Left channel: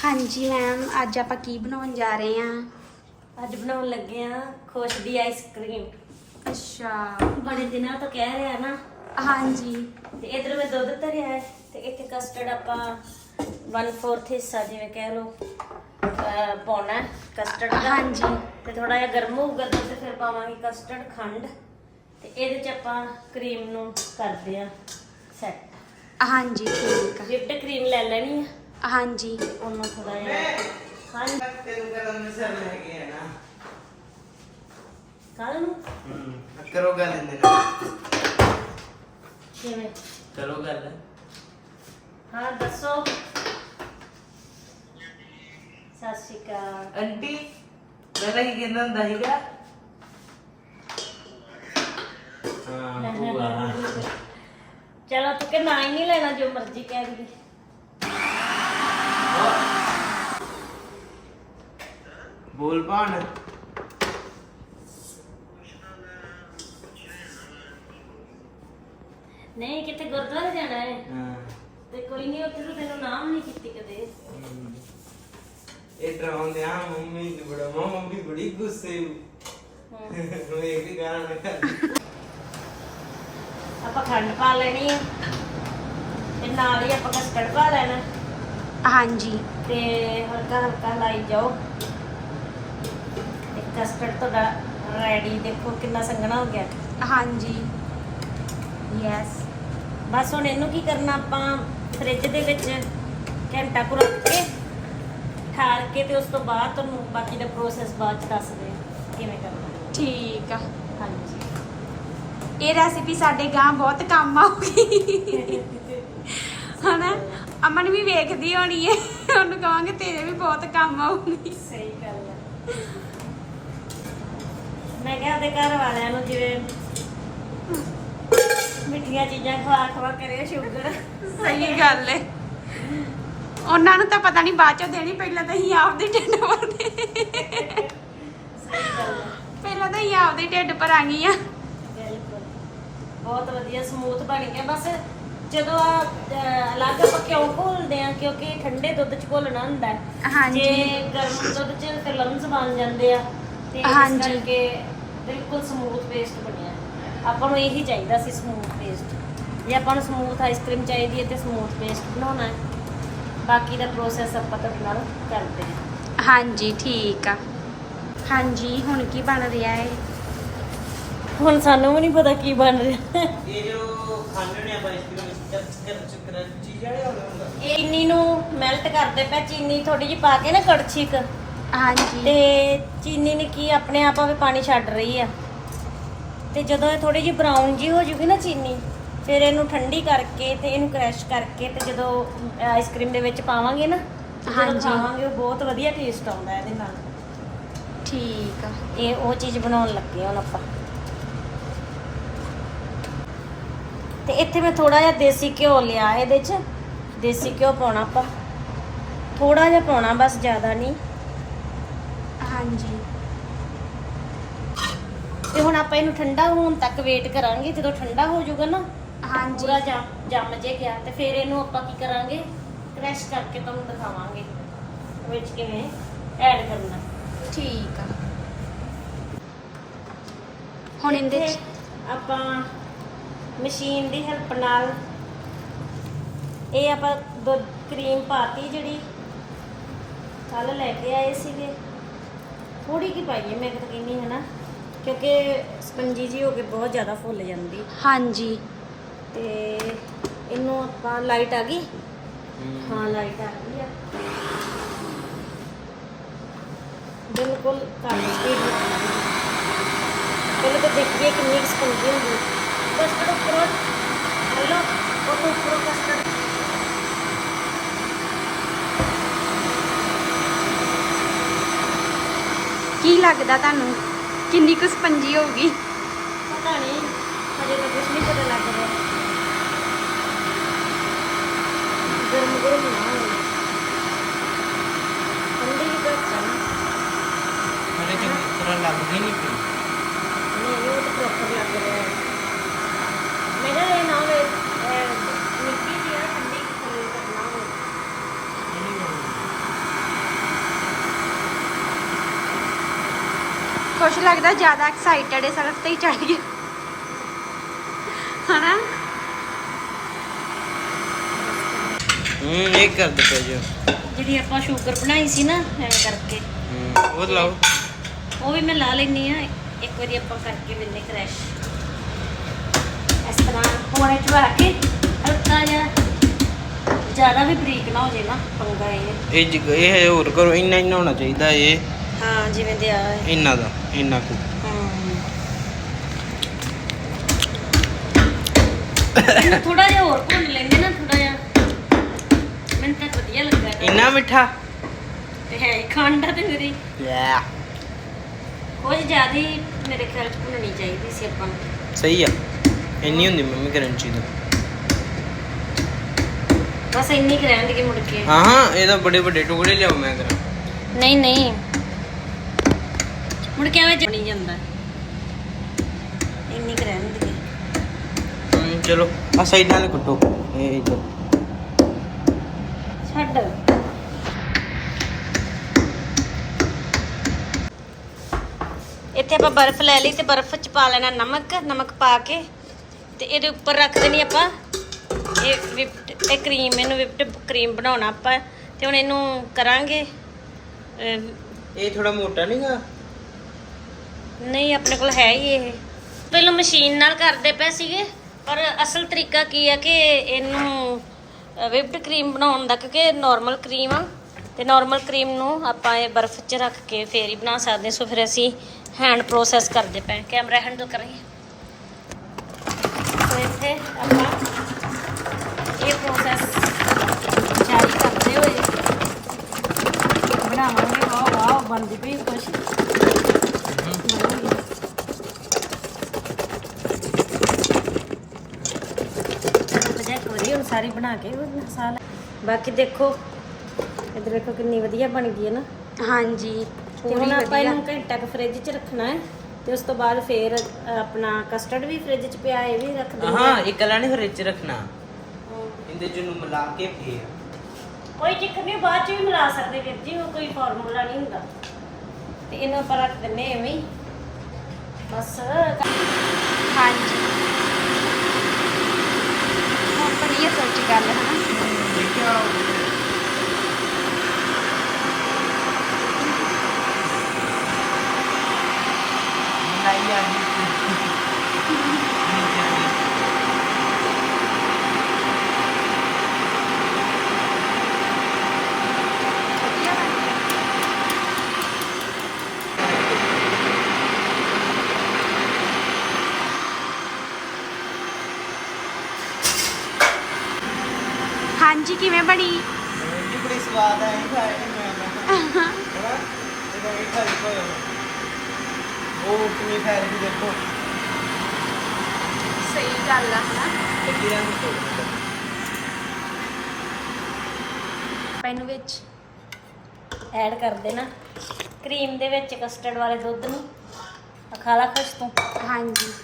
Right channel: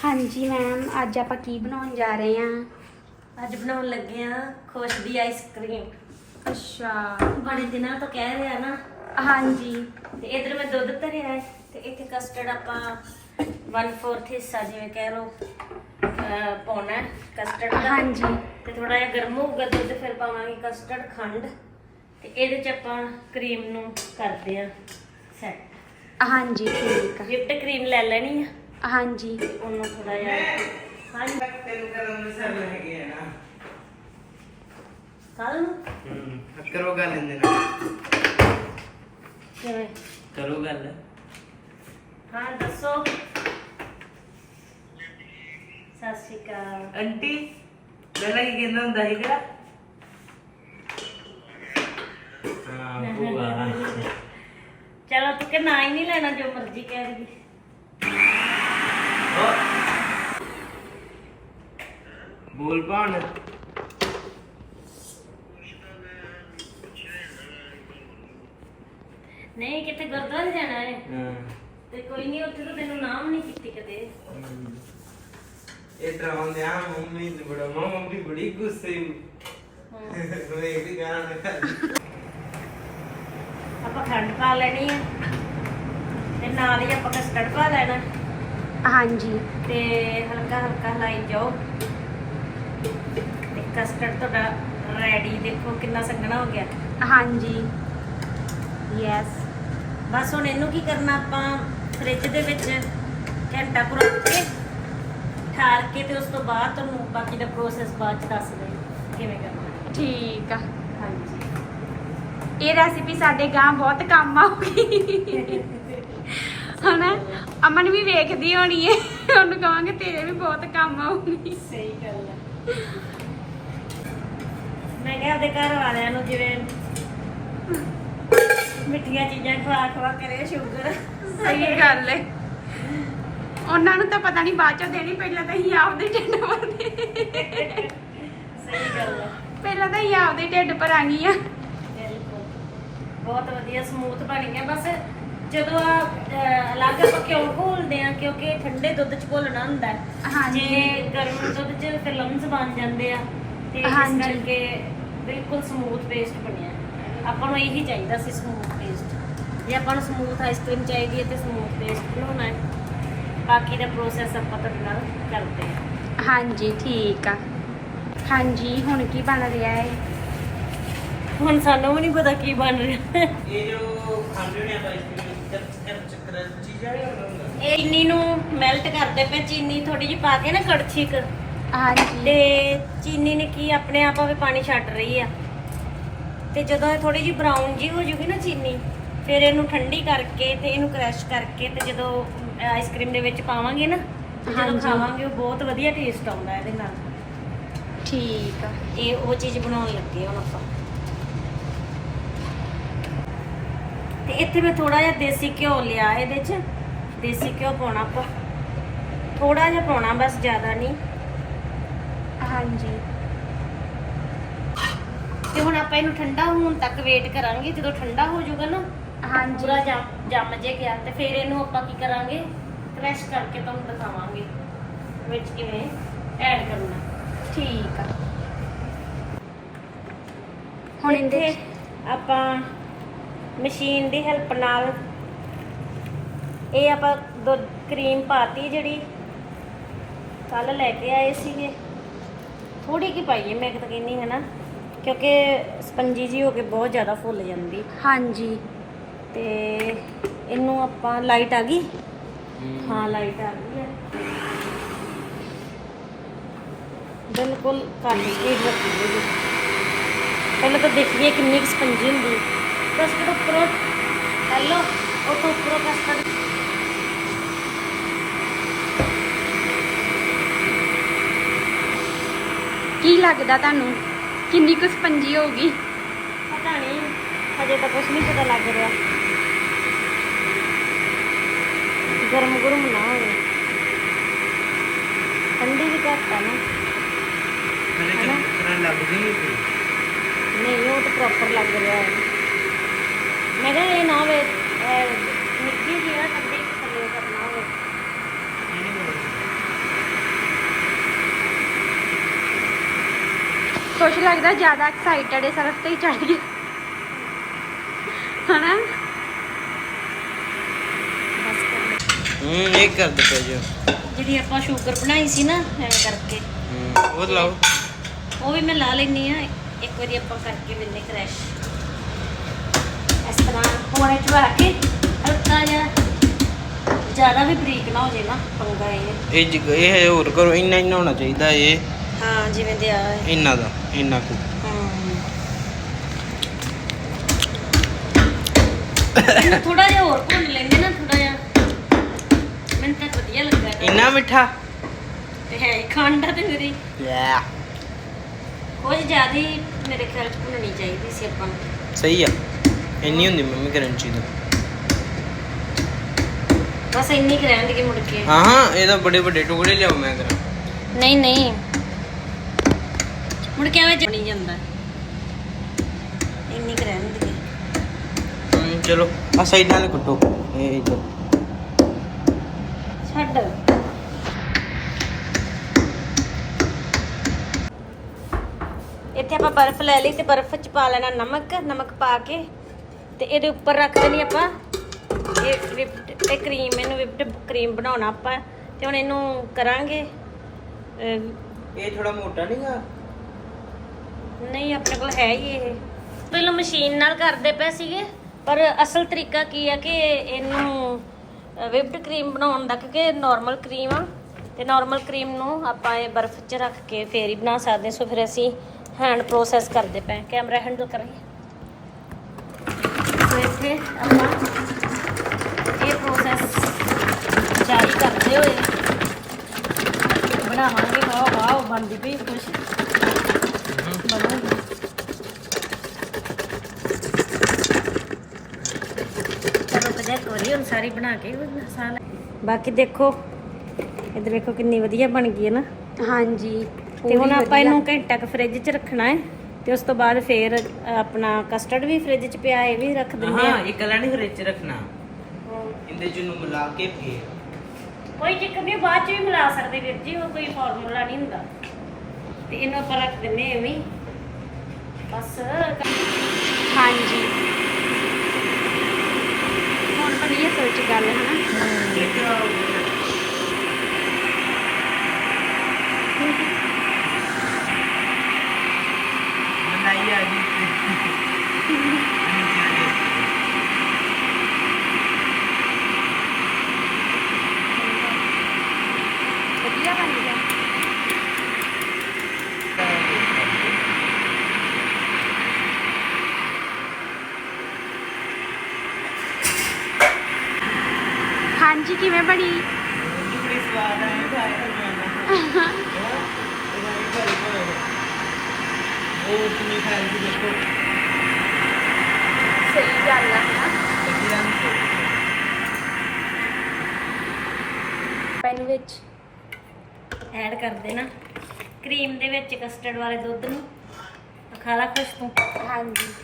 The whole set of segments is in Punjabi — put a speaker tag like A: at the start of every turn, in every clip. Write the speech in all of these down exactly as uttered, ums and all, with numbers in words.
A: हाँ जी मैम, अज आप की बनाने जा रहे हैं?
B: अज बनाने लगे हैं खुश दी आइसक्रीम।
A: अच्छा,
B: बड़े दिनों तो कह रहे हैं ना।
A: हाँ जी।
B: ते इधर मैं दुध धरिया है ते इत्थे कस्टर्ड आपा वन फोर्थ हिस्सा जिवें कह लो पाउना है कस्टर्ड।
A: हाँ जी।
B: ते थोड़ा जिहा गर्म होगा दुध, फिर पावांगे कस्टर्ड खंड ते इहदे च आपां क्रीम नूं करदे आ सैट।
A: हाँ जी ठीक है।
B: विप्ड क्रीम ले लेनी है।
A: हाँ जी।
B: ਉਹਨੂੰ ਥੋੜਾ ਜਿਹਾ ਹਾਂ ਕੱਲ ਨੂੰ
C: ਹੂੰ ਕਰੋ ਗੱਲ ਇਹਦੇ ਨਾਲ
B: ਕਿਵੇਂ
C: ਕਰੋ ਗੱਲ
B: ਹਾਂ ਦੱਸੋ। ਸਤਿ ਸ਼੍ਰੀ ਅਕਾਲ
C: ਆਂਟੀ ਪਹਿਲਾਂ ਕੀ ਕਹਿੰਦਾ ਹੁੰਦਾ ਸੀਗਾ? ਹਾਂ ਬੂਆ
B: ਚਲੋ ਤੂੰ ਕਿ ਨਾ ਹੀ ਨਹੀਂ ਲੈਣਾ, ਜੋ ਮਰਜ਼ੀ ਕਹਿ ਦੀ।
C: ਬੋਲ ਭਾਣ
B: ਨਹੀਂ ਕਿਤੇ ਗੁਰਦੁਆਰੇ ਜਾਣਾ ਹੈ
C: ਹਾਂ
B: ਤੇ ਕੋਈ ਨਹੀਂ, ਉੱਥੇ ਤਾਂ ਤੈਨੂੰ ਨਾਮ ਨਹੀਂ ਕੀਤੀ ਕਦੇ।
C: ਇਹ ਡਰਾਉਂਦੇ ਆ ਮੰਮੀ ਨੂੰ ਬੜਾ ਮੰਮੀ ਬੜੀ ਗੁੱਸੇ ਨੂੰ ਮੈਂ ਇੱਕ ਗਾਣਾ ਕਰ
B: ਆਪਾਂ ਖੰਡ ਪਾ ਲੈਣੀ ਹੈ ਤੇ ਨਾਲ ਹੀ ਆਪਾਂ ਕਸਟਰਡ ਪਾ ਲੈਣਾ
A: हाँ जी।
B: ਤੇ ਹਲਕਾ ਹਲਕਾ ਲਾਈ ਜਾਓ ਤੇ ਕਸਟਰਡ ਤੁਹਾਡਾ ਰੈਡੀ। ਦੇਖੋ ਕਿੰਨਾ ਸੰਘਣਾ ਹੋ ਗਿਆ।
A: हाँ जी। यस।
B: ਬਸ ਹੁਣ ਇਹਨੂੰ ਕੀ ਕਰਨਾ, ਆਪਾਂ ਫ੍ਰਿਜ ਦੇ ਵਿੱਚ ਘੰਟਾ ਕੁ ਰੱਖ ਕੇ ਠਾਰ ਕੇ ਤੇ ਉਸ ਤੋਂ ਬਾਅਦ ਤੁਹਾਨੂੰ ਬਾਕੀ ਦਾ ਪ੍ਰੋਸੈਸ ਬਾਅਦ ਚ ਦੱਸ ਦੇ ਕਿਵੇਂ ਕਰਨਾ।
A: ठीक है।
B: ਹਾਂਜੀ
A: ये रेसिपी साडे गां बहुत काम आऊगी है ना। अमन भी वेखदी होनी है, ਉਹਨੂੰ ਕਹਾਂਗੇ ਤੇਰੇ ਵੀ ਬਹੁਤ ਕੰਮ ਆਊਗੀ।
B: ਸਹੀ ਗੱਲ ਹੈ। ਮੈਂ ਕਿਹਾ ਆਪਦੇ ਘਰ ਵਾਲਿਆਂ ਨੂੰ ਜਿਵੇਂ ਮਿੱਠੀਆਂ ਚੀਜ਼ਾਂ ਖਵਾ ਖਵਾ ਕਰੇ ਸ਼ੂਗਰ।
A: ਸਹੀ ਗੱਲ ਹੈ। ਉਹਨਾਂ ਨੂੰ ਤਾਂ ਪਤਾ ਨਹੀਂ ਬਾਅਦ ਚੋਂ ਦੇਣੀ, ਪਹਿਲਾਂ ਤਾਂ ਹੀ ਆਪਦੇ ਢਿੱਡ ਭਰਦੇ।
B: ਸਹੀ ਗੱਲ ਹੈ।
A: ਪਹਿਲਾਂ ਤਾਂ ਹੀ ਆਪਦੇ ਢਿੱਡ ਭਰਾਂਗੀ ਆ।
B: ਬਿਲਕੁਲ ਬਹੁਤ ਵਧੀਆ ਸਮੂਥ ਬਣ ਗਿਆ। ਬਸ ਜਦੋਂ ਆ ਅਲੱਗ ਆਪਾਂ ਕਿਉਂ ਘੋਲਦੇ ਆ, ਕਿਉਂਕਿ ਠੰਡੇ ਦੁੱਧ ਚ ਘੋਲਣਾ ਹੁੰਦਾ ਹੈ।
A: ਹਾਂਜੀ।
B: ਜੇ ਗਰਮ ਦੁੱਧ ਚ ਫਿਰ ਲੰਮਸ ਬਣ ਜਾਂਦੇ ਆ ਤੇ ਇਸ
A: ਹਾਂਜੀ।
B: ਕਰਕੇ ਬਿਲਕੁਲ ਸਮੂਥ ਪੇਸਟ ਬਣਿਆ। ਆਪਾਂ ਨੂੰ ਇਹੀ ਚਾਹੀਦਾ ਸੀ, ਸਮੂਥ ਪੇਸਟ। ਜੇ ਆਪਾਂ ਨੂੰ ਸਮੂਥ ਆਈਸਕ੍ਰੀਮ ਚਾਹੀਦੀ ਹੈ ਤੇ ਸਮੂਥ ਪੇਸਟ ਬਣਾਉਣਾ ਹੈ। ਬਾਕੀ ਦਾ ਪ੍ਰੋਸੈਸ ਆਪਾਂ ਤੁਹਾਡੇ ਨਾਲ ਕਰਦੇ ਹਾਂ।
A: ਹਾਂਜੀ ਠੀਕ ਆ। ਹਾਂਜੀ ਹੁਣ ਕੀ ਬਣ ਰਿਹਾ ਹੈ?
B: ਹੁਣ ਸਾਨੂੰ ਵੀ ਨਹੀਂ ਪਤਾ ਕੀ ਬਣ ਰਿਹਾ।
C: ਇਹ ਜੋ ਖਾਂਦੇ ਨੇ ਆਪਾਂ ਆਈਸਕ੍ਰੀਮ ਚੱਕਰ ਚੀਜ਼ ਆ ਹੁੰਦਾ
B: ਇਹ ਚੀਨੀ ਨੂੰ ਮੈਲਟ ਕਰਦੇ ਪਏ, ਚੀਨੀ ਥੋੜੀ ਜਿਹੀ ਪਾ ਕੇ ਨਾ ਕੜਛੀ ਕ
A: ਹਾਂਜੀ।
B: ਤੇ ਚੀਨੀ ਨੇ ਕੀ ਆਪਣੇ ਆਪ ਆਵੇ ਪਾਣੀ ਛੱਡ ਰਹੀ ਆ। ਤੇ ਜਦੋਂ ਇਹ ਥੋੜੀ ਜਿਹੀ ਬਰਾਊਨ ਜੀ ਹੋ ਜੂਗੀ ਨਾ ਚੀਨੀ, ਫਿਰ ਇਹਨੂੰ ਠੰਡੀ ਕਰਕੇ ਤੇ ਇਹਨੂੰ ਕ੍ਰੈਸ਼ ਕਰਕੇ ਤੇ ਜਦੋਂ ਆਈਸਕ੍ਰੀਮ ਦੇ ਵਿੱਚ ਪਾਵਾਂਗੇ ਨਾ, ਜਦੋਂ
A: ਹਾਂਜੀ।
B: ਖਾਵਾਂਗੇ ਉਹ ਬਹੁਤ ਵਧੀਆ ਟੇਸਟ ਆਉਂਦਾ ਇਹਦੇ ਨਾਲ।
A: ਠੀਕ ਆ।
B: ਇਹ ਉਹ ਚੀਜ਼ ਬਣਾਉਣ ਲੱਗੇ ਹੁਣ ਆਪਾਂ। ਤੇ ਇੱਥੇ ਮੈਂ ਥੋੜਾ ਜਿਹਾ ਦੇਸੀ ਘਿਓ ਲਿਆ, ਇਹਦੇ 'ਚ ਦੇਸੀ ਘਿਓ ਪਾਉਣਾ ਆਪਾਂ, ਥੋੜਾ ਜਿਹਾ ਪਾਉਣਾ ਬਸ, ਜ਼ਿਆਦਾ ਨਹੀਂ।
A: ਹਾਂਜੀ।
B: ਤੇ ਹੁਣ ਆਪਾਂ ਇਹਨੂੰ ਠੰਡਾ ਹੋਣ ਤੱਕ ਵੇਟ ਕਰਾਂਗੇ। ਜਦੋਂ ਠੰਡਾ ਹੋ ਜਾਊਗਾ ਨਾ,
A: ਹਾਂਜੀ।
B: ਪੂਰਾ ਜੰਮ ਜੰਮ ਜੇ ਗਿਆ, ਤੇ ਫਿਰ ਇਹਨੂੰ ਆਪਾਂ ਕੀ ਕਰਾਂਗੇ, ਕ੍ਰੈਸ਼ ਕਰਕੇ ਤੁਹਾਨੂੰ ਦਿਖਾਵਾਂਗੇ ਵਿੱਚ ਕਿਵੇਂ ਐਡ ਕਰਨਾ।
A: ਠੀਕ ਆ। ਹੁਣ ਇਹਦੇ
B: ਇੱਥੇ
A: ਚ
B: ਆਪਾਂ ਮਸ਼ੀਨ ਦੀ ਹੈਲਪ ਨਾਲ ਇਹ ਆਪਾਂ ਦੁੱਧ ਕਰੀਮ ਪਾਤੀ ਜਿਹੜੀ ਕੱਲ ਲੈ ਕੇ ਆਏ ਸੀਗੇ। ਥੋੜੀ ਕੀ ਪਾਈਏ ਮੈਂ ਤਾਂ ਕਹਿੰਦੀ ਹੈ ਨਾ, ਕਿਉਂਕਿ ਸਪੰਜੀ ਜੀ ਹੋ ਕੇ ਬਹੁਤ ਜ਼ਿਆਦਾ ਫੁੱਲ ਜਾਂਦੀ।
A: ਹਾਂਜੀ।
B: ਤੇ ਇਹਨੂੰ ਆਪਾਂ ਲਾਈਟ ਆ ਗਈ। ਹਾਂ ਲਾਈਟ ਆ ਗਈ ਹੈ ਬਿਲਕੁਲ। ਕਰ ਦਿੱਤੀ ਪਹਿਲਾਂ ਤਾਂ ਦੇਖੀਏ ਕਿੰਨੀ ਸਪੰਜੀ ਹੁੰਦੀ ਹੈ। बस तो पूरा हेलो और तो पूरा कस्टर्ड
A: ਕੀ ਲੱਗਦਾ ਤੁਹਾਨੂੰ ਕਿੰਨੀ ਕੁ ਸਪੰਜੀ ਹੋਊਗੀ?
B: पता नहीं, हजे तो कुछ नहीं पता लग रहा। गर्म गर्म ना हो, ठंडी भी घट है ना।
C: ਹਲੇ ਚੰਗੀ ਤਰ੍ਹਾਂ ਲੱਗਦੀ ਨਹੀਂ ਪਈ।
B: नहीं वो तो प्रॉपर लग रहा है। मेरे लिए ना हो मिट्टी की ठंडी करना हो।
A: ਕੁਛ ਲੱਗਦਾ ਜ਼ਿਆਦਾ ਐਕਸਾਈਟਡ ਹੈ ਸੜਕ ਤੇ ਹੀ ਚੜ ਗਈ ਹਨਾ।
C: ਹੂੰ ਇਹ ਕਰ ਦੇ ਪਏ ਜੋ
B: ਜਿਹੜੀ ਆਪਾਂ ਸ਼ੂਗਰ ਬਣਾਈ ਸੀ ਨਾ ਐ ਕਰਕੇ
C: ਹੂੰ ਉਹ ਲਾਓ।
B: ਉਹ ਵੀ ਮੈਂ ਲਾ ਲੈਣੀ ਆ। ਇੱਕ ਵਾਰੀ ਆਪਾਂ ਕਰਕੇ ਮਿਲਨੇ ਕ੍ਰੈਸ਼ ਇਸ ਤਰ੍ਹਾਂ ਪੋਣੇ ਚ ਆ ਕੇ ਹਲਕਾ ਜਿਹਾ, ਜ਼ਿਆਦਾ ਵੀ ਬਰੀਕ ਨਾ ਹੋ ਜੇ ਨਾ ਪੰਗਾ ਇਹ।
C: ਇਹ ਜਿ- ਇਹ ਹੋਰ ਕਰੋ, ਇੰਨਾ ਇੰਨਾ ਹੋਣਾ ਚਾਹੀਦਾ ਇਹ
B: ਹਾਂ ਜਿਵੇਂ ਦੇ ਆ
C: ਇੰਨਾ ਦਾ ਇੰਨਾ ਕੁ।
B: ਥੋੜਾ ਜਿਹਾ ਹੋਰ ਭੁੰਨ ਲੈਂਦੇ ਨਾ, ਥੋੜਾ ਜਿਹਾ ਮੈਨੂੰ ਤਾਂ ਵਧੀਆ ਲੱਗਾ ਇਹਦਾ।
C: ਇੰਨਾ ਮਿੱਠਾ
B: ਤੇ ਹੈ ਹੀ ਖੰਡ ਆ ਤੇ ਮੇਰੀ
C: ਲੈ
B: ਕੁਝ ਜ਼ਿਆਦਾ ਹੀ ਮੇਰੇ ਖਿਆਲ ਚ ਭੁੰਨਣੀ ਚਾਹੀਦੀ ਸੀ ਆਪਾਂ ਨੂੰ।
C: ਸਹੀ ਆ, ਇੰਨੀ ਹੁੰਦੀ ਮੰਮੀ ਕਰੰਚੀ ਦਾ।
B: ਬਸ ਇੰਨੀ ਕੁ ਰਹਿਣ ਦੀ ਮੁੜ ਕੇ।
C: ਹਾਂ ਹਾਂ ਇਹਦਾ ਬੜੇ ਵੱਡੇ ਟੁਕੜੇ ਲਿਆਓ ਮੈਂ ਕਰਾਂ।
B: ਨਹੀਂ ਨਹੀਂ ਮੁੜ ਕੇ ਐਵੇਂ ਚ ਨਹੀਂ ਜਾਂਦਾ, ਇੰਨੀ ਕੁ ਰਹਿਣ ਦੀ।
C: ਹੂੰ ਚਲੋ ਆ ਸਾਈਡ ਨਾਲ ਕੱਟੋ ਇਹ ਇੱਧਰ।
B: ਛੱਡ ਇੱਥੇ ਆਪਾਂ ਬਰਫ਼ ਲੈ ਲਈ ਤੇ ਬਰਫ਼ ਚ ਪਾ ਲੈਣਾ ਨਮਕ। ਨਮਕ ਪਾ ਕੇ ਤੇ ਇਹਦੇ ਉੱਪਰ ਰੱਖ ਦੇਣੀ ਆਪਾਂ ਇਹ ਵਿਪਡ ਇਹ ਕਰੀਮ। ਇਹਨੂੰ ਵਿਪਡ ਕਰੀਮ ਬਣਾਉਣਾ ਆਪਾਂ ਤੇ ਹੁਣ ਇਹਨੂੰ ਕਰਾਂਗੇ। ਅਹ,
C: ਇਹ ਥੋੜਾ ਮੋਟਾ ਨਹੀਂਗਾ।
B: ਨਹੀਂ ਆਪਣੇ ਕੋਲ ਹੈ ਹੀ ਇਹ। ਪਹਿਲਾਂ ਮਸ਼ੀਨ ਨਾਲ ਕਰਦੇ ਪਏ ਸੀਗੇ, ਪਰ ਅਸਲ ਤਰੀਕਾ ਕੀ ਆ ਕਿ ਇਹਨੂੰ ਵਿਪਡ ਕਰੀਮ ਬਣਾਉਣ ਦਾ, ਕਿਉਂਕਿ ਨਾਰਮਲ ਕਰੀਮ ਆ ਤੇ ਨਾਰਮਲ ਕਰੀਮ ਨੂੰ ਆਪਾਂ ਇਹ ਬਰਫ਼ 'ਚ ਰੱਖ ਕੇ ਫੇਰ ਹੀ ਬਣਾ ਸਕਦੇ। ਸੋ ਫਿਰ ਅਸੀਂ ਹੈਂਡ ਪ੍ਰੋਸੈਸ ਕਰਦੇ ਪਏ। ਕੈਮਰਾ ਹੈਂਡਲ ਕਰਾਂਗੇ ਸੋ ਇੱਥੇ ਆਪਾਂ ਇਹ ਪ੍ਰੋਸੈਸ ਜਾਰੀ ਕਰਦੇ ਹੋਏ ਬਣਾਵਾਂਗੇ। ਵਾਹ ਵਾਹ ਬਣਦੀ ਪਈ ਕੁਛ ਬਣਾਂਗੇ। ਚਲੋ ਕਦੇ ਇੱਕ ਵਾਰੀ ਹੁਣ ਸਾਰੀ ਬਣਾ ਕੇ ਸਾਲ ਬਾਕੀ ਦੇਖੋ ਇੱਧਰ ਵੇਖੋ ਕਿੰਨੀ ਵਧੀਆ ਬਣ ਗਈ ਹੈ ਨਾ।
A: ਹਾਂਜੀ
B: ਤੇ
A: ਪੂਰੀ
B: ਹੁਣ ਆਪਾਂ
A: ਵਧੀਆ।
B: ਇਹਨੂੰ ਘੰਟਾ ਕੁ ਫ੍ਰਿਜ 'ਚ ਰੱਖਣਾ ਹੈ ਤੇ ਉਸ ਤੋਂ ਬਾਅਦ ਫੇਰ ਆਪਣਾ ਕਸਟਰਡ ਵੀ ਫ੍ਰਿਜ 'ਚ ਪਿਆ, ਇਹ ਵੀ ਰੱਖ ਦਿੰਦੇ
C: ਹਾਂ ਇਹ ਗਲਾ ਨਹੀਂ ਫਰਿੱਜ ਚ ਰੱਖਣਾ, ਇਹਦੇ ਚ ਨੂੰ ਮਿਲਾ ਕੇ ਫੇਰ
B: ਕੋਈ ਚੱਕਰ ਨਹੀਂ, ਬਾਅਦ 'ਚ ਵੀ ਮਿਲਾ ਸਕਦੇ ਵੀਰ ਜੀ, ਉਹ ਕੋਈ ਫਾਰਮੂਲਾ ਨਹੀਂ ਹੁੰਦਾ। ਤੇ ਇਹਨੂੰ ਆਪਾਂ ਰੱਖ ਦਿੰਦੇ ਐਵੇਂ ਹੀ ਬਸ।
A: ਹਾਂਜੀ ਹੁਣ ਵਧੀਆ ਸੋਚ ਗੱਲ ਹੈ ਨਾ।
C: ਮਲਾਈ ਆ ਗਈ
A: ਵਧੀਆ ਬਣ ਗਿਆ। ਹਾਂਜੀ ਕਿਵੇਂ ਬਣੀ?
C: ਬੜੀ ਸਵਾਦ ਆਇਆ ਖਾ ਕੇ ਮੈਂ ਇਹਦਾ ਇੱਕ ਵਾਰੀ ਕੋਲ ਉਹ ਤੁਸੀਂ ਖੈਰ ਵੀ ਦੇਖੋ
A: ਸਹੀ ਗੱਲ ਆ ਹਨਾ। ਪੈਨ ਵਿੱਚ
B: ਐਡ ਕਰ ਦੇਣਾ ਕਰੀਮ ਦੇ ਵਿੱਚ ਕਸਟਰਡ ਵਾਲੇ ਦੁੱਧ ਨੂੰ। ਖਾ ਲਾ ਕੁਛ ਤੂੰ।
A: ਹਾਂਜੀ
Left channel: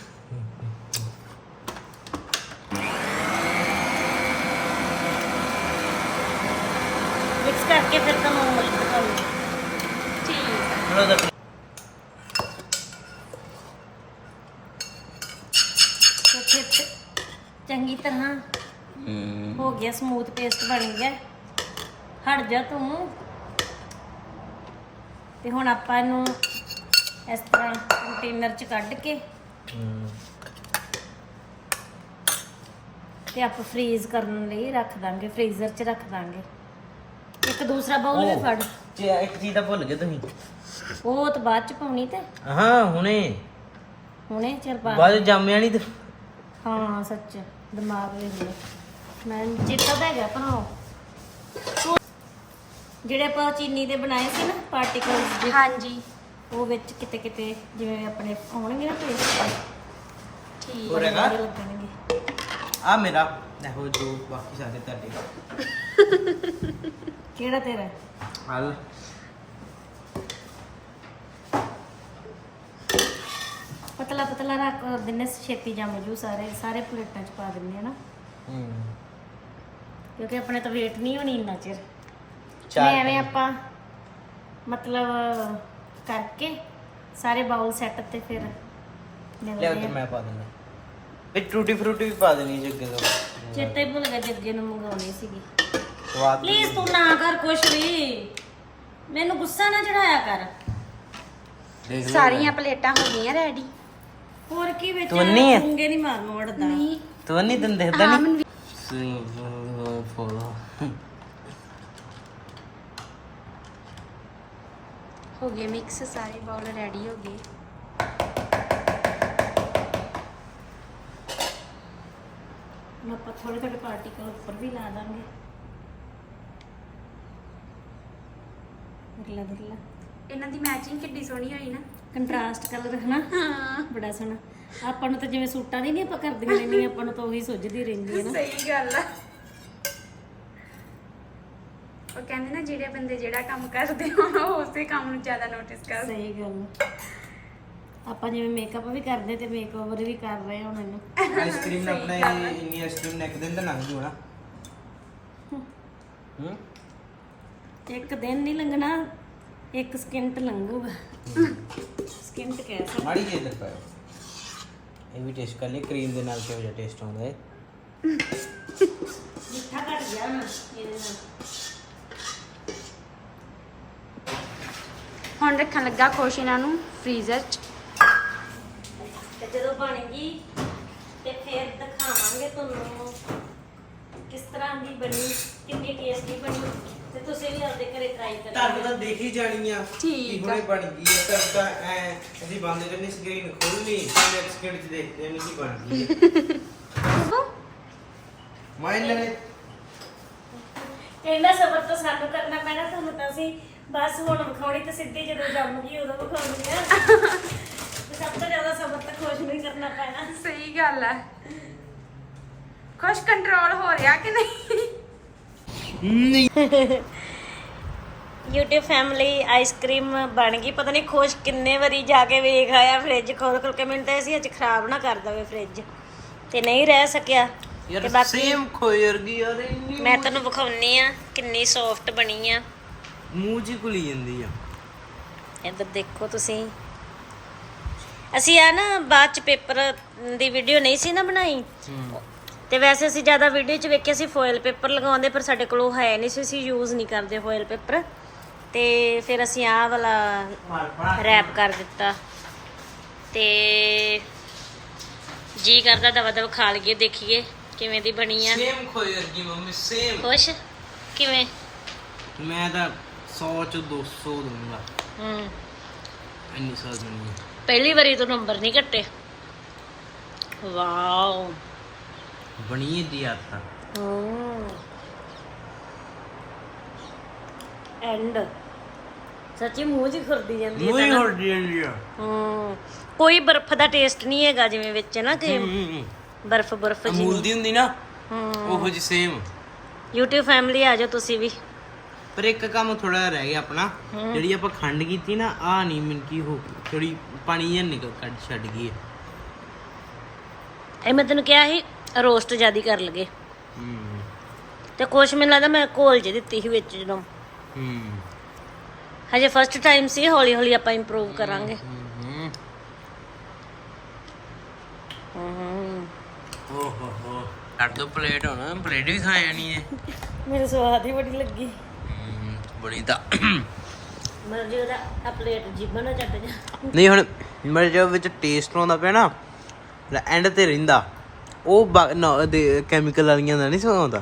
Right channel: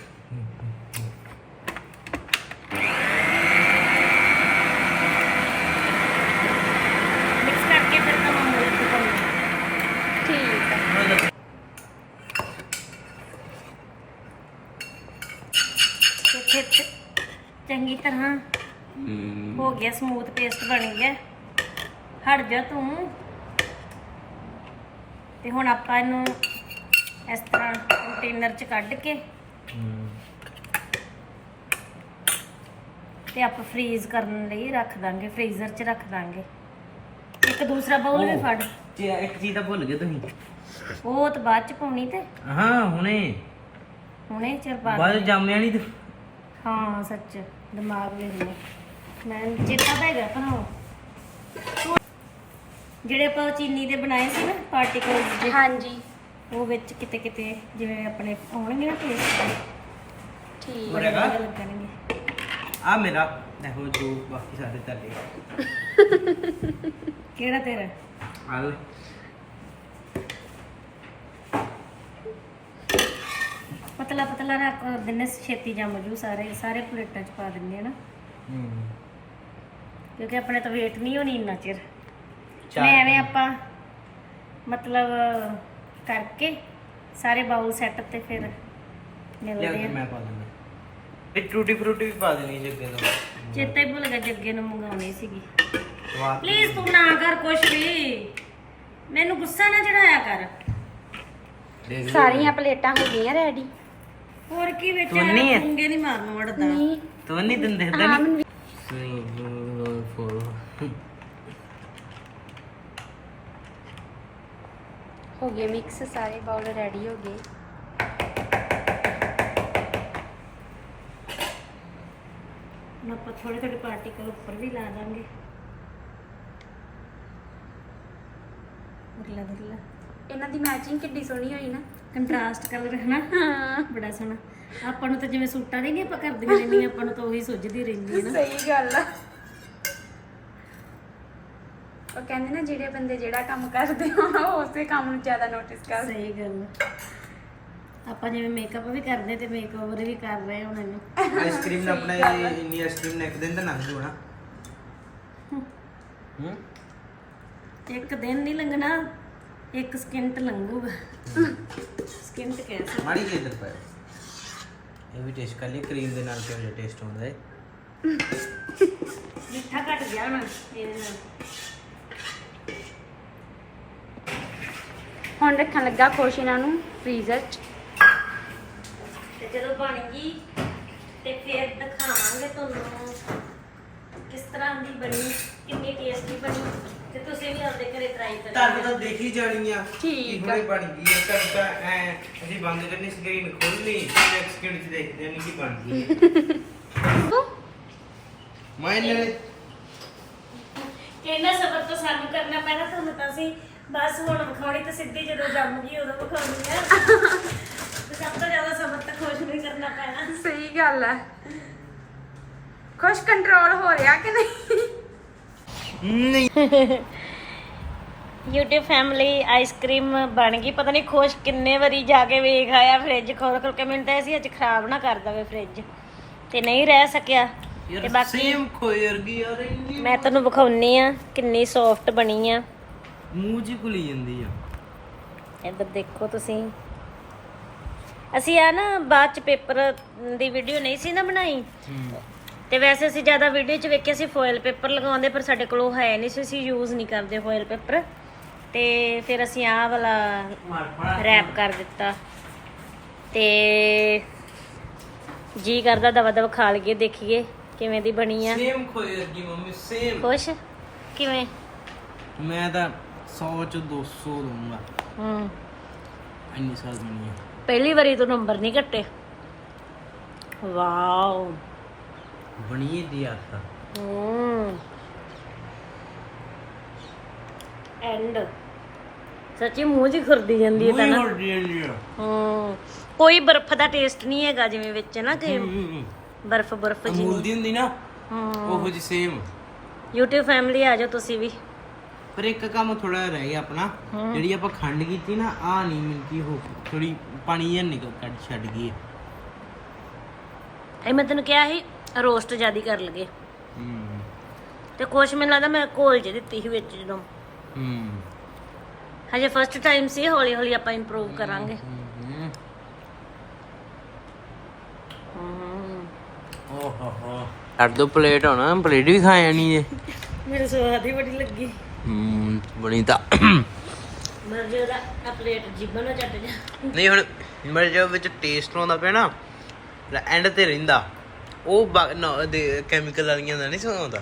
B: ਮਿਕਸ ਕਰਕੇ ਫਿਰ ਤਾਂ ਮਿਲਕ ਪਾਉਂਗੀ।
A: ਠੀਕ ਆ।
B: ਤੇ ਫਿਰ ਚੰਗੀ ਤਰ੍ਹਾਂ ਹੋ ਗਿਆ, ਸਮੂਥ ਪੇਸਟ ਬਣ ਗਿਆ। ਹਟ ਜਾ ਤੂੰ। ਤੇ ਹੁਣ ਆਪਾਂ ਇਹਨੂੰ ਇਸ ਤਰ੍ਹਾਂ ਕੰਟੇਨਰ 'ਚ ਕੱਢ ਕੇ ਤੇ ਆਪਾਂ ਫ੍ਰੀਜ਼ ਕਰਨ ਲਈ ਰੱਖ ਦਾਂਗੇ, ਫ੍ਰੀਜ਼ਰ 'ਚ ਰੱਖ ਦਾਂਗੇ। ਇੱਕ ਦੂਸਰਾ ਬਾਉਲ ਵੀ ਫੜ।
C: ਜੇ ਇੱਕ ਚੀਜ਼ ਤਾਂ ਭੁੱਲ ਗਏ ਤੁਸੀਂ।
B: ਉਹ ਤਾਂ ਬਾਅਦ 'ਚ ਪਾਉਣੀ ਤੇ
C: ਹਾਂ ਹੁਣੇ
B: ਹੁਣੇ ਚਿਰ ਪਾ
C: ਬਾਅਦ ਜੰਮਿਆ ਨਹੀਂ ਤੇ
B: ਹਾਂ ਸੱਚ ਦਿਮਾਗ ਲੈ ਲਿਆ ਮੈਂ, ਚੇਤਾ ਤਾਂ ਹੈਗਾ ਪਰ ਉਹ ਜਿਹੜੇ ਆਪਾਂ ਚੀਨੀ ਦੇ ਬਣਾਏ ਸੀ ਨਾ ਪਾਰਟੀਕਲਸ ਜਿਹੇ,
A: ਹਾਂਜੀ
B: ਉਹ ਵਿੱਚ ਕਿਤੇ ਕਿਤੇ ਜਿਵੇਂ ਆਪਣੇ ਆਉਣਗੇ ਨਾ ਟੇਸਟ
A: ਠੀਕ
B: ਬੜੇ ਵਧੀਆ ਲੱਗਣਗੇ।
C: ਆ ਮੇਰਾ ਦੇਖੋ ਜੋ ਬਾਕੀ ਸਾਰੇ ਤੁਹਾਡੇ।
B: ਕਿਹੜਾ ਤੇਰਾ?
C: ਹਲ
B: ਪਤਲਾ ਪਤਲਾ ਰੱਖ ਦਿੰਨੇ, ਛੇਤੀ ਜੰਮ ਜੂ। ਸਾਰੇ ਸਾਰੇ ਪਲੇਟਾਂ 'ਚ ਪਾ ਦਿੰਨੇ ਆ ਨਾ, ਕਿਉਂਕਿ ਆਪਣੇ ਤਾਂ ਵੇਟ ਨਹੀਂ ਹੋਣੀ ਇੰਨਾ ਚਿਰ। ਮੈਂ ਐਵੇਂ ਆਪਾਂ ਮਤਲਬ ਕਰਕੇ ਸਾਰੇ ਬਾਉਲ ਸੈੱਟ ਤੇ ਫਿਰ
C: ਲਿਆ
B: ਮਿਲਦੇ
C: ਤੇ
B: ਆ।
C: ਮੈਂ ਪਾ ਦਿੰਦਾ ਇੱਕ ਟੂਟੀ ਫਰੂਟੀ ਵੀ ਪਾ ਦੇਣੀ ਜੱਗੇ ਤੋਂ
B: ਚੇਤਾ ਹੀ ਭੁੱਲ ਗਿਆ ਜੱਗੇ ਨੂੰ ਮੰਗਾਉਣੀ ਸੀਗੀ।
C: ਵਾਹ
B: ਪਲੀਜ਼ ਤੂੰ ਨਾ ਕਰ ਕੁਛ ਵੀ, ਮੈਨੂੰ ਗੁੱਸਾ ਨਾ ਚੜਾਇਆ ਕਰ।
C: ਦੇਖ ਲਿਓ।
A: ਸਾਰੀਆਂ ਪਲੇਟਾਂ ਹੋ ਗਈਆਂ ਰੈਡੀ।
B: ਹੋਰ ਕੀ ਵਿੱਚ
C: ਤੂੰ ਨਹੀਂ ਹੈ?
B: ਚੁੰਗੇ ਨਹੀਂ ਮਾਰਨ ਵੜਦਾ।
A: ਨਹੀਂ
C: ਤੂੰ ਨਹੀਂ ਦਿੰਦੇ
A: ਹਾਂ
C: ਤਾਂ
A: ਮੈਨੂੰ ਹੋ ਗਏ ਮਿਕਸ, ਸਾਰੇ ਬਾਉਲ ਰੈਡੀ ਹੋ ਗਏ।
B: ਹੁਣ ਆਪਾਂ ਥੋੜੇ ਥੋੜੇ ਪਾਰਟੀਕਲ ਉੱਪਰ ਵੀ ਲਾ ਦਾਂਗੇ। ਅਗਲਾ ਅਗਲਾ
A: ਇਹਨਾਂ ਦੀ ਮੈਚਿੰਗ ਕਿੱਡੀ ਸੋਹਣੀ ਹੋਈ ਨਾ।
B: ਕੰਟਰਾਸਟ ਕਲਰ ਹੈ ਨਾ,
A: ਹਾਂ
B: ਬੜਾ ਸੋਹਣਾ। ਆਪਾਂ ਨੂੰ ਤਾਂ ਜਿਵੇਂ ਸੂਟਾਂ ਦੀ ਨਹੀਂ ਆਪਾਂ ਕਰਦੀਆਂ ਰਹਿੰਦੀਆਂ, ਆਪਾਂ ਨੂੰ ਤਾਂ ਉਹੀ ਸੁੱਝਦੀ ਰਹਿੰਦੀ ਹੈ ਨਾ।
A: ਸਹੀ ਗੱਲ ਆ। ਉਹ ਕਹਿੰਦੇ ਨਾ ਜਿਹੜੇ ਬੰਦੇ ਜਿਹੜਾ ਕੰਮ ਕਰਦੇ ਹੋ ਉਸੇ ਕੰਮ ਨੂੰ ਜ਼ਿਆਦਾ ਨੋਟਿਸ ਕਰਦੇ।
B: ਸਹੀ ਗੱਲ ਆ। ਆਪਾਂ ਜਿਵੇਂ ਮੇਕਅਪ ਵੀ ਕਰਦੇ ਤੇ ਮੇਕਓਵਰ ਵੀ ਕਰ ਰਹੇ ਹੁਣ ਇਹਨੂੰ।
C: ਆਈਸਕ੍ਰੀਮ ਨਾਲ ਆਪਣਾ ਇਹ ਇੰਨੀ ਆਈਸਕ੍ਰੀਮ ਨੇ ਇੱਕ ਦਿਨ ਦਾ ਲੰਘ ਜੂ ਨਾ ਹੂੰ
B: ਇੱਕ ਦਿਨ ਨਹੀਂ ਲੰਘਣਾ, ਇੱਕ ਸਕਿੰਟ ਲੰਘੂਗਾ। ਸਕਿੰਟ ਕਹਿ ਸਕਦੇ।
C: ਮਾੜੀ ਜਿਹੀ ਇਧਰ ਪਾਏ ਇਹ ਵੀ ਟੇਸਟ ਕਰ ਲਈ ਕਰੀਮ ਦੇ ਨਾਲ ਕਿਹੋ ਜਿਹਾ ਟੇਸਟ ਆਉਂਦਾ ਹੈ।
B: ਮਿੱਠਾ ਘਟ ਗਿਆ ਹੁਣ ਇਹਦੇ ਨਾਲ।
A: ਹੁਣ ਰੱਖਣ ਲੱਗਾ ਖੁਸ਼ ਇਹਨਾਂ ਨੂੰ ਫ੍ਰੀਜ਼ਰ 'ਚ।
B: ਤੇ ਜਦੋਂ ਬਣ ਗਈ ਤੇ ਫਿਰ ਦਿਖਾਵਾਂਗੇ ਤੁਹਾਨੂੰ ਕਿਸ ਤਰ੍ਹਾਂ ਦੀ ਬਣੀ, ਕਿੰਨੀ ਟੇਸਟੀ ਬਣੀ, ਤੇ ਤੁਸੀਂ ਵੀ ਆਪਦੇ ਘਰੇ ਟਰਾਈ
C: ਤੁਹਾਨੂੰ
B: ਕਰਿਓ।
C: ਤਾਂ ਦੇਖ ਹੀ ਜਾਣੀ ਆ
A: ਠੀਕ
C: ਕਿ ਹੁਣੇ ਬਣ ਗਈ ਹੈ। ਘਰ ਤਾਂ ਐ ਅਸੀਂ ਬੰਦ ਕਰਨੀ ਸਕਰੀਨ ਖੋਲਣੀ ਨੈਕਸਟ ਸਕਿੰਟ 'ਚ ਦੇਖਦੇ ਹਾਂ ਕਿ ਬਣ ਗਈ ਹੈ। ਮੈਂ ਇਹਨਾਂ ਨੇ
B: ਕਹਿੰਦਾ ਸਬਰ ਤਾਂ ਸਾਨੂੰ ਕਰਨਾ ਪੈਣਾ, ਤੁਹਾਨੂੰ ਤਾਂ ਅਸੀਂ ਬਸ ਹੁਣ ਵਿਖਾਉਣੀ ਤੇ ਸਿੱਧੀ ਜਦੋਂ ਜੰਮ ਗਈ ਉਦੋਂ ਵਿਖਾਉਣੀ ਆ। ਤੇ ਸਭ ਤੋਂ ਜ਼ਿਆਦਾ ਸਬਰ ਤਾਂ ਖੁਸ਼ ਨੂੰ ਹੀ ਕਰਨਾ ਪੈਣਾ।
A: ਸਹੀ ਗੱਲ ਆ। ਖੁਸ਼ ਕੰਟਰੋਲ ਹੋ ਰਿਹਾ ਕਿ ਨਹੀਂ?
C: ਨਹੀਂ
B: YouTube ਫੈਮਿਲੀ ਆਈਸਕ੍ਰੀਮ ਬਣ ਗਈ। ਪਤਾ ਨਹੀਂ ਖੁਸ਼ ਕਿੰਨੇ ਵਾਰੀ ਜਾ ਕੇ ਵੇਖ ਆਇਆ ਫ੍ਰਿਜ ਖੋਲ ਖੋਲ ਕੇ। ਮੈਨੂੰ ਤਾਂ ਅਸੀਂ ਅੱਜ ਖਰਾਬ ਨਾ ਕਰ ਦਵੇ ਫ੍ਰਿਜ, ਤੇ ਨਹੀਂ ਰਹਿ ਸਕਿਆ। ਤੇ
C: ਯਾਰ
B: ਬਾਕੀ
C: ਸੇਮ ਖੋਈ ਵਰਗੀ ਯਾਰ ਇੰਨੀ
B: ਮੈਂ ਤੁਹਾਨੂੰ ਵਿਖਾਉਣੀ ਆ ਕਿੰਨੀ ਸੌਫਟ ਬਣੀ ਆ।
C: ਮੂੰਹ 'ਚ ਹੀ ਘੁਲੀ ਜਾਂਦੀ ਆ।
B: ਇੱਧਰ ਦੇਖੋ ਤੁਸੀਂ। ਅਸੀਂ ਆ ਨਾ ਬਾਅਦ ਚ ਪੇਪਰ ਦੀ ਵੀਡੀਓ ਨਹੀਂ ਸੀ ਨਾ ਬਣਾਈ, ਤੇ ਵੈਸੇ ਅਸੀਂ ਜ਼ਿਆਦਾ ਵੀਡੀਓ 'ਚ ਵੇਖਿਆ ਸੀ ਫੋਇਲ ਪੇਪਰ ਲਗਾਉਂਦੇ, ਪਰ ਸਾਡੇ ਕੋਲ ਉਹ ਹੈ ਨਹੀਂ ਸੀ, ਅਸੀਂ ਯੂਜ਼ ਨਹੀਂ ਕਰਦੇ ਫੋਇਲ ਪੇਪਰ। ਤੇ ਫਿਰ ਅਸੀਂ ਆਹ ਵਾਲਾ ਰੈਪ ਕਰ ਦਿੱਤਾ, ਤੇ ਜੀ ਕਰਦਾ ਦਵਾ ਦਵਾ ਖਾ ਲਈਏ, ਦੇਖੀਏ ਕਿਵੇਂ ਦੀ ਬਣੀ ਆ।
C: ਸੇਮ ਖੋਈ ਵਰਗੀ ਮੰਮੀ ਸੇਮ।
B: ਖੁਸ਼ ਕਿਵੇਂ?
C: ਮੈਂ ਤਾਂ ਸੌ 'ਚ ਦੋ ਸੌ ਦਊਂਗਾ,
B: ਹੂੰ
C: ਇੰਨੀ ਸਵਾਦ ਬਣੀ ਹੈ।
B: ਪਹਿਲੀ ਵਾਰੀ ਤੋਂ ਨੰਬਰ ਨਹੀਂ ਕੱਟੇ। ਵਾਓ
C: ਬਣੀ ਦੀ ਯਾਰ ਤਾਂ
B: ਹੂੰ ਐਂਡ ਸੱਚੀ ਮੂੰਹ 'ਚ ਖੁਰਦੀ ਜਾਂਦੀ ਹੈ ਤਾਂ ਨਾ।
C: ਹੋਰ ਜੀ ਲਿਆ
B: ਹੂੰ ਕੋਈ ਬਰਫ਼ ਦਾ ਟੇਸਟ ਨਹੀਂ ਹੈਗਾ ਜਿਵੇਂ ਵਿੱਚ ਨਾ ਕਿ ਬਰਫ਼ ਬਰਫ਼ ਜੀ।
C: ਅਮੂਲ ਦੀ ਹੁੰਦੀ ਨਾ
B: ਹੂੰ
C: ਉਹੋ ਜੀ ਸੇਮ।
B: YouTube ਫੈਮਿਲੀ ਆ ਜਾਓ ਤੁਸੀਂ ਵੀ।
C: ਪਰ ਇੱਕ ਕੰਮ ਥੋੜਾ ਰਹਿ ਗਿਆ ਆਪਣਾ, ਜਿਹੜੀ ਆਪਾਂ ਖੰਡ ਕੀਤੀ ਨਾ ਆ ਨਹੀਂ ਮਿਲ ਕੀ ਹੋ ਥੋੜੀ ਪਾਣੀ ਜਿਹਾ ਨਿਕਲ ਕੱਢ ਛੱਡ ਗਈ।
B: ਇਹ ਮੈਂ ਤੈਨੂੰ ਕਿਹਾ ਸੀ ਰੋਸਟ ਜ਼ਿਆਦੀ ਕਰ ਲਗੇ,
C: ਹੂੰ
B: ਤੇ ਕੁਛ ਮੈਨੂੰ ਲੱਗਦਾ ਮੈਂ ਘੋਲ ਜੇ ਦਿੱਤੀ ਸੀ ਵਿੱਚ ਜਦੋਂ।
C: ਹੂੰ
B: ਹਜੇ ਫਸਟ ਟਾਈਮ ਸੀ, ਹੌਲੀ ਹੌਲੀ ਆਪਾਂ ਇੰਪਰੂਵ ਕਰਾਂਗੇ।
C: ਹੂੰ
B: ਹੂੰ
C: ਓ ਹੋ ਹੋ ਅੱਡ ਦੋ ਪਲੇਟ ਹੋਣਾ, ਪਲੇਟ ਵੀ ਖਾ ਜਾਣੀ ਜੇ।
B: ਮੇਰੇ ਸਵਾਦ ਹੀ ਬੜੀ ਲੱਗੀ।
C: ਹੂੰ ਬਣੀ ਤਾਂ
B: ਮਰਜੀ ਉਹਦਾ ਆ ਪਲੇਟ ਜੀਭਾਂ ਨਾਲ ਚੱਟ ਜਾ।
C: ਨਹੀਂ ਹੁਣ ਮੇਰੇ ਜੋ ਵਿੱਚ ਟੇਸਟ ਆਉਂਦਾ ਪਿਆ ਨਾ ਐਂਡ ਤੇ ਰਹਿੰਦਾ ਉਹ ਕੈਮੀਕਲ ਵਾਲੀਆਂ ਦਾ ਨਹੀਂ ਸਵਾਉਂਦਾ।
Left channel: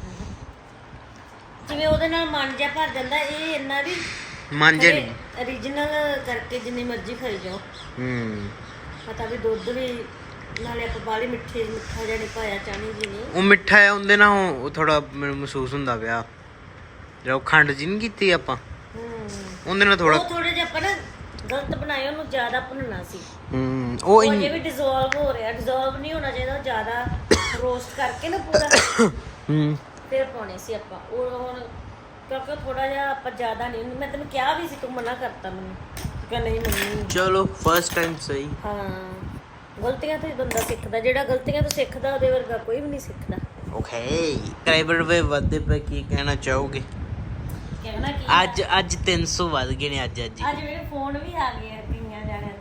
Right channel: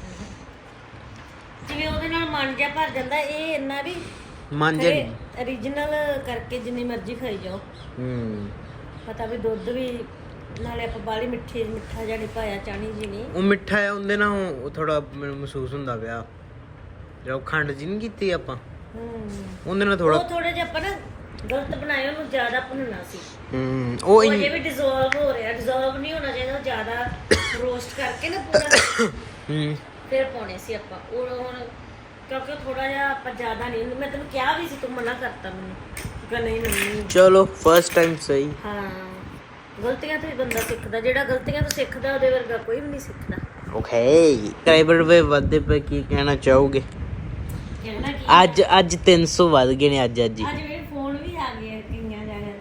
B: ਜਿਵੇਂ ਉਹਦੇ ਨਾਲ ਮਨ ਜਾ ਭਰ ਜਾਂਦਾ, ਇਹ ਇੰਨਾ ਵੀ
C: ਮਾਂਜੇ ਨਹੀਂ।
B: origignal ਕਰਕੇ ਜਿੰਨੀ ਮਰਜ਼ੀ ਖਾਈ ਜਾਓ।
C: ਹੂੰ
B: ਪਤਾ ਵੀ ਦੁੱਧ ਵੀ ਨਾਲੇ ਆਪਾਂ ਬਾਹਲੀ ਮਿੱਠੀ ਮਿੱਠਾ ਜਿਹਾ ਨਹੀਂ ਪਾਇਆ, ਚਾਹਣੀ ਜੀ ਨਹੀਂ।
C: ਉਹ ਮਿੱਠਾ ਹੈ ਉਹਦੇ ਨਾਲ ਉਹ ਥੋੜਾ ਮੈਨੂੰ ਮਹਿਸੂਸ ਹੁੰਦਾ ਪਿਆ ਜਦੋਂ ਖੰਡ ਜੀ ਨਹੀਂ ਕੀਤੀ ਆਪਾਂ
B: ਹੂੰ
C: ਉਹਦੇ ਨਾਲ ਥੋੜਾ
B: ਉਹ ਥੋੜੇ ਜਿਹਾ ਆਪਾਂ ਨਾ ਗਲਤ ਬਣਾਏ, ਉਹਨੂੰ ਜ਼ਿਆਦਾ ਭੁੰਨਣਾ ਸੀ।
C: ਹੂੰ ਉਹ
B: ਉਹ
C: ਇੰਨੀ
B: ਜੇ ਵੀ ਡਿਸੋਲਵ ਹੋ ਰਿਹਾ, ਡਿਸੋਲਵ ਨਹੀਂ ਹੋਣਾ ਚਾਹੀਦਾ, ਉਹ ਜ਼ਿਆਦਾ ਰੋਸਟ ਕਰਕੇ ਨਾ ਪੂਰਾ
C: ਹੂੰ
B: ਫਿਰ ਪਾਉਣੇ ਸੀ ਆਪਾਂ। ਉਹ ਹੁਣ ਕਿਉਂਕਿ ਥੋੜਾ ਜਿਹਾ ਆਪਾਂ ਜ਼ਿਆਦਾ ਨਹੀਂ, ਮੈਂ ਤੈਨੂੰ ਕਿਹਾ ਵੀ ਸੀ, ਤੂੰ ਮਨਾ ਕਰਤਾ ਮੈਨੂੰ ਕਿ ਨਹੀਂ ਨਹੀਂ।
C: ਚਲੋ ਫਸਟ ਟਾਈਮ ਸਹੀ।
B: ਹਾਂ ਗਲਤੀਆਂ ਤੋਂ ਹੀ ਬੰਦਾ ਸਿੱਖਦਾ, ਜਿਹੜਾ ਗਲਤੀਆਂ ਤੋਂ ਸਿੱਖਦਾ ਉਹਦੇ ਵਰਗਾ ਕੋਈ ਵੀ ਨਹੀਂ ਸਿੱਖਦਾ।
C: ਓਕੇ ਸਬਸਕ੍ਰਾਈਬਰ ਵੇ ਵਧਦੇ ਪਏ, ਕੀ ਕਹਿਣਾ ਚਾਹੋਗੇ?
B: ਕਹਿਣਾ ਕੀ
C: ਅੱਜ ਅੱਜ ਤਿੰਨ ਸੌ ਵੱਧ ਗਏ ਨੇ ਅੱਜ ਅੱਜ ਹੀ।
B: ਅੱਜ ਮੇਰੇ ਫੋਨ ਵੀ ਆ ਗਏ ਕਈਆਂ ਜਾਣਿਆਂ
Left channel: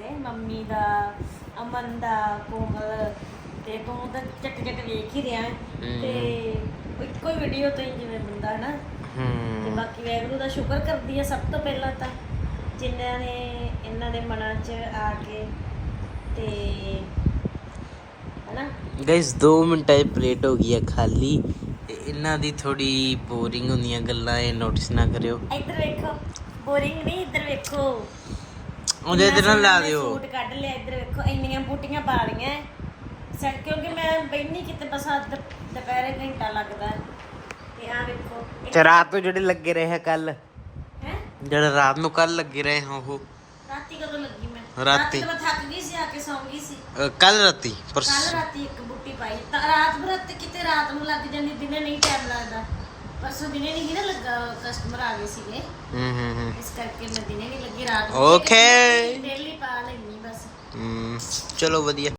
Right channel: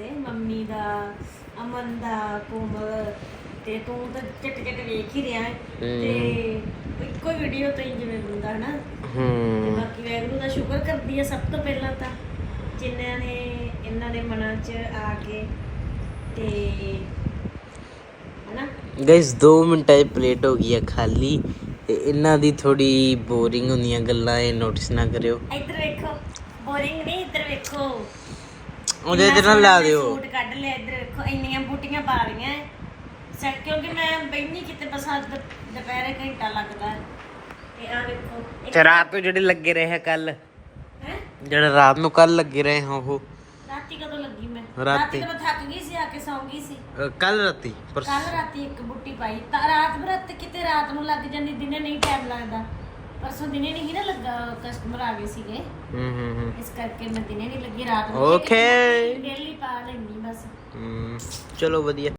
B: ਅਮਨ ਦਾ, ਕੋਮਲ ਤੇ ਤੂੰ ਤਾਂ ਚੱਟ ਚੱਟ ਵੇਖ ਹੀ ਰਿਹਾ ਹੈ। ਤੇ ਇੱਕੋ ਵੀਡੀਓ ਤੋਂ ਹੀ ਜਿਵੇਂ ਬੰਦਾ ਹਨਾ। ਤੇ ਬਾਕੀ ਵੈਗਰੂ ਦਾ ਸ਼ੁਕਰ ਕਰਦੀ ਆ ਸਭ ਤੋਂ ਪਹਿਲਾਂ ਤਾਂ, ਜਿਨ੍ਹਾਂ ਨੇ ਇਹਨਾਂ ਦੇ ਮਨਾਂ 'ਚ ਆ ਕੇ ਤੇ ਹਨਾ।
C: ਗਾਇਸ ਦੋ ਮਿੰਟਾਂ 'ਚ ਪਲੇਟ ਹੋ ਗਈ ਆ ਖਾਲੀ ਤੇ ਇਹਨਾਂ ਦੀ ਥੋੜੀ ਬੋਰਿੰਗ ਹੁੰਦੀਆਂ ਗੱਲਾਂ, ਇਹ ਨੋਟਿਸ ਨਾ ਕਰਿਓ।
B: ਇੱਧਰ ਵੇਖੋ, ਬੋਰਿੰਗ ਨਹੀਂ, ਇੱਧਰ ਵੇਖੋ
C: ਉਹਦੇ ਤੇ ਨਾ ਲਾ ਦਿਓ।
B: ਸੂਟ ਕੱਢ ਲਿਆ, ਇੱਧਰ ਵੇਖੋ ਇੰਨੀਆਂ ਬੂਟੀਆਂ ਪਾ ਲਈਆਂ ਸੈ, ਕਿਉਂਕਿ ਮੈਂ ਬੈਠੀ ਕਿਤੇ ਬਸ ਅੱਜ ਦੁਪਹਿਰੇ ਘੰਟਾ ਲੱਗਦਾ ਹੈ। ਤੇ ਆ ਵੇਖੋ
C: ਤੇ ਰਾਤ ਨੂੰ ਜਿਹੜੇ ਲੱਗੇ ਰਹੇ ਕੱਲ,
B: ਹੈ
C: ਜਿਹੜੇ ਰਾਤ ਨੂੰ ਕੱਲ ਲੱਗੇ ਰਹੇ ਹਾਂ ਉਹ
B: ਰਾਤੀ ਕਦੋਂ ਲੱਗੀ ਮੈਂ?
C: ਰਾਤੀ।
B: ਤਾਂ ਮੈਂ ਥੱਕ ਗਈ ਸੀ, ਆ ਕੇ ਸੌਂ ਗਈ ਸੀ।
C: ਕੱਲ ਰਾਤੀ ਪਰਸ
B: ਕੱਲ ਰਾਤੀ ਇੱਕ ਬੂਟੀ ਪਾਈ ਤਾਂ ਰਾਤ ਬਰਤ ਕਿਤੇ ਰਾਤ ਨੂੰ ਲੱਗ ਜਾਂਦੀ, ਦਿਨੇ ਨਹੀਂ ਟਾਈਮ ਲੱਗਦਾ। ਪਰਸੋਂ ਦਿਨੇ ਨਹੀਂ ਨਾ ਲੱਗਾ, ਕਸਟਮਰ ਆ ਗਏ ਸੀਗੇ
C: ਹੂੰ ਹੂੰ ਹੂੰ
B: ਇਸ ਕਰਕੇ ਮੈਂ ਦਿਨੇ ਨਹੀਂ ਲੱਗੀ, ਰਾਤ ਨੂੰ
C: ਓਕੇ
B: ਡੇਲੀ ਪਾ ਲੈਣੀ ਬਸ।
C: ਹੂੰ ਚਲੋ ਵਧੀਆ।